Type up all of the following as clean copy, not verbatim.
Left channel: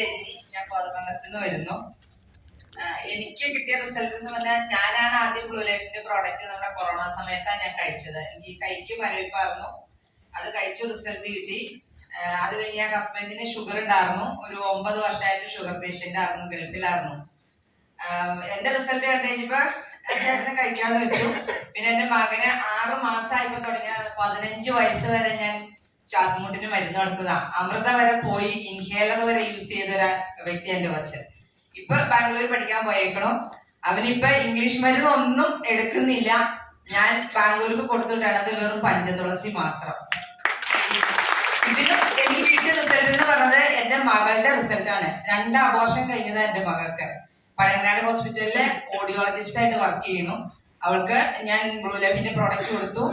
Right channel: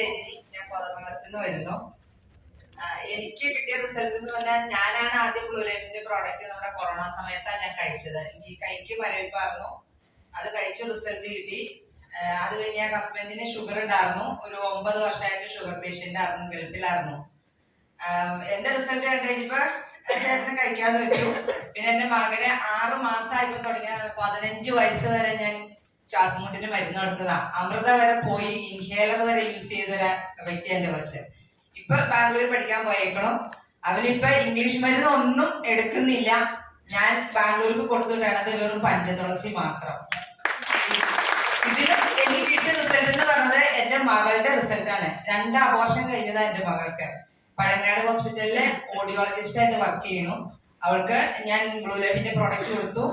രജനി, ഞാൻ കോതമംഗലത്ത് നിന്ന് വരുന്നു. എനിക്ക് കിട്ടിയ റിസൾട്ട് എന്ന് പറഞ്ഞാൽ ഞാനാണ് ആദ്യം ബ്ലൂ ലൈഫിന്റെ പ്രോഡക്റ്റ് നമ്മുടെ കൊറോണ സമയത്താണ് ഞാൻ കഴിച്ചത്. എനിക്ക് കൈക്ക് മരവിപ്പായിരുന്നു, അത് കഴിച്ച റിസൾട്ട് കിട്ടി. അത് കഴിഞ്ഞ് ഹസ്ബൻഡിന് ഷുഗർ ഉണ്ടായിരുന്നു, ഒരു 9 വർഷമായിട്ട് ഷുഗർ പേഷ്യന്റ് ആയിരുന്നു, ഗൾഫിലായിരുന്നു. എന്റെ റിസൾട്ട് കണ്ടു കഴിഞ്ഞപ്പോ ചേട്ടനെ കഴിക്കാന്ന് വെച്ചു. പിന്നെ എന്റെ മകന് 6 മാസമായപ്പോ തുടങ്ങിയ 15 വയസ്സ് വരെ ഞാൻ ശ്വാസമുട്ടിന് മരുന്ന് കൊടുത്തതാ. അമൃത വരെ പോയി, ഇൻഹേലർ വരെ യൂസ് ചെയ്തൊരു വ്യക്തി എന്റെ കൊച്ച്. ഇപ്പൊ ബാംഗ്ലൂർ പഠിക്കാൻ പോയേക്കണം. അവനിപ്പൊ ഇംഗ്ലീഷ് മരുന്ന് ഒന്നും എടുക്കുന്നില്ല. ഞാൻ ബാംഗ്ലൂർക്ക് കൊടുത്തിട്ടാണ്, അത് വെറും പഞ്ചതുളസി മാത്രം. ഇതിന് എനിക്ക് കിട്ടിയ റിസൾട്ട് എന്ന് പറഞ്ഞത് എന്റെ മകളുടെ റിസൾട്ടാണ്. 2 അബോർഷൻ കഴിഞ്ഞതാ എന്റെ മകൾക്ക്. പഴങ്ങാട് ഹോസ്പിറ്റലിലെ ഓഡിയോളജിസ്റ്റ് ആയിട്ട് വർക്ക് ചെയ്യുന്നു. അവൾക്ക് ഞാൻ ബ്ലൂ ലൈഫിന്റെ പ്രോഡക്റ്റ് കൊടുത്തു.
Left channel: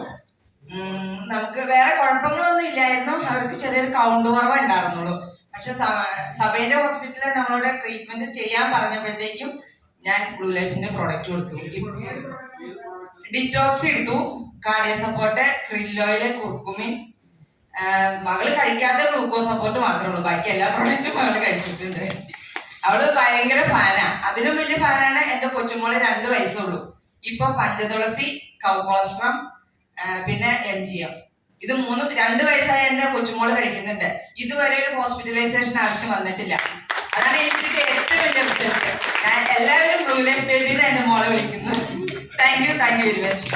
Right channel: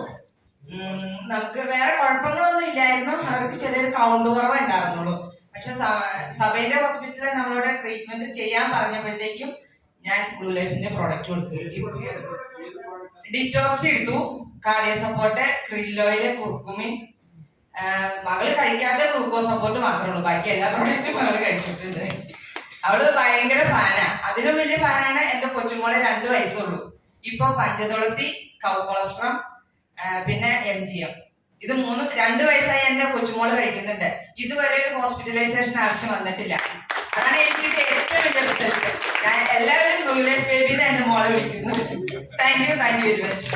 നമുക്ക് വേറെ കുഴപ്പങ്ങളൊന്നും ഇല്ലായിരുന്നു. അവർക്ക് ചെറിയൊരു കൗണ്ട് കുറവ് ഉണ്ടായിരുന്നുള്ളൂ. പക്ഷെ സഭയിലെ ഹോസ്പിറ്റലിൽ നമ്മളോട് ട്രീറ്റ്മെന്റ് ചെയ്യാൻ പറഞ്ഞപ്പോഴത്തേക്കും ഞാൻ ബ്ലൂ ലൈഫിന്റെ പ്രോഡക്റ്റ് കൊടുത്തു. ഡിറ്റോക്സ് എടുത്തു, cardio support, krill oil, curcumin. മകള് കഴിക്കാത്ത ഗ്ലൂക്കോസ് സപ്പോർട്ട് മാത്രമേ ഉള്ളൂ, ബാക്കി എല്ലാ പ്രോഡക്റ്റും മകള് കഴിച്ചിട്ടുണ്ട്. അവള് ഭയങ്കര ഫാനാ. അതിലും വലിയ ഫാനാണ് എന്റെ കൊച്ചുമോള്, 2 വയസ്സുള്ളൂ. ഇപ്പൊ പഞ്ചതുളസി, കൗകൊളസ്ട്രം, പിന്നെ MGM, ഇത് 2 വയസ്സായി എന്റെ കൊച്ചുമോള് കഴിക്കുന്നുണ്ട്. ഇതുവരെ ഒരു ഹോസ്പിറ്റലൈസേഷൻ ആവശ്യം വന്നിട്ടില്ല. അതാണ് എനിക്ക് ഏറ്റവും വലിയ റിസൾട്ട്. ഞാൻ എല്ലാവരും ബ്ലൂ ലൈഫ് ബേബി എന്റെ മോളെ വിളിക്കുന്നത്. Thank you very much.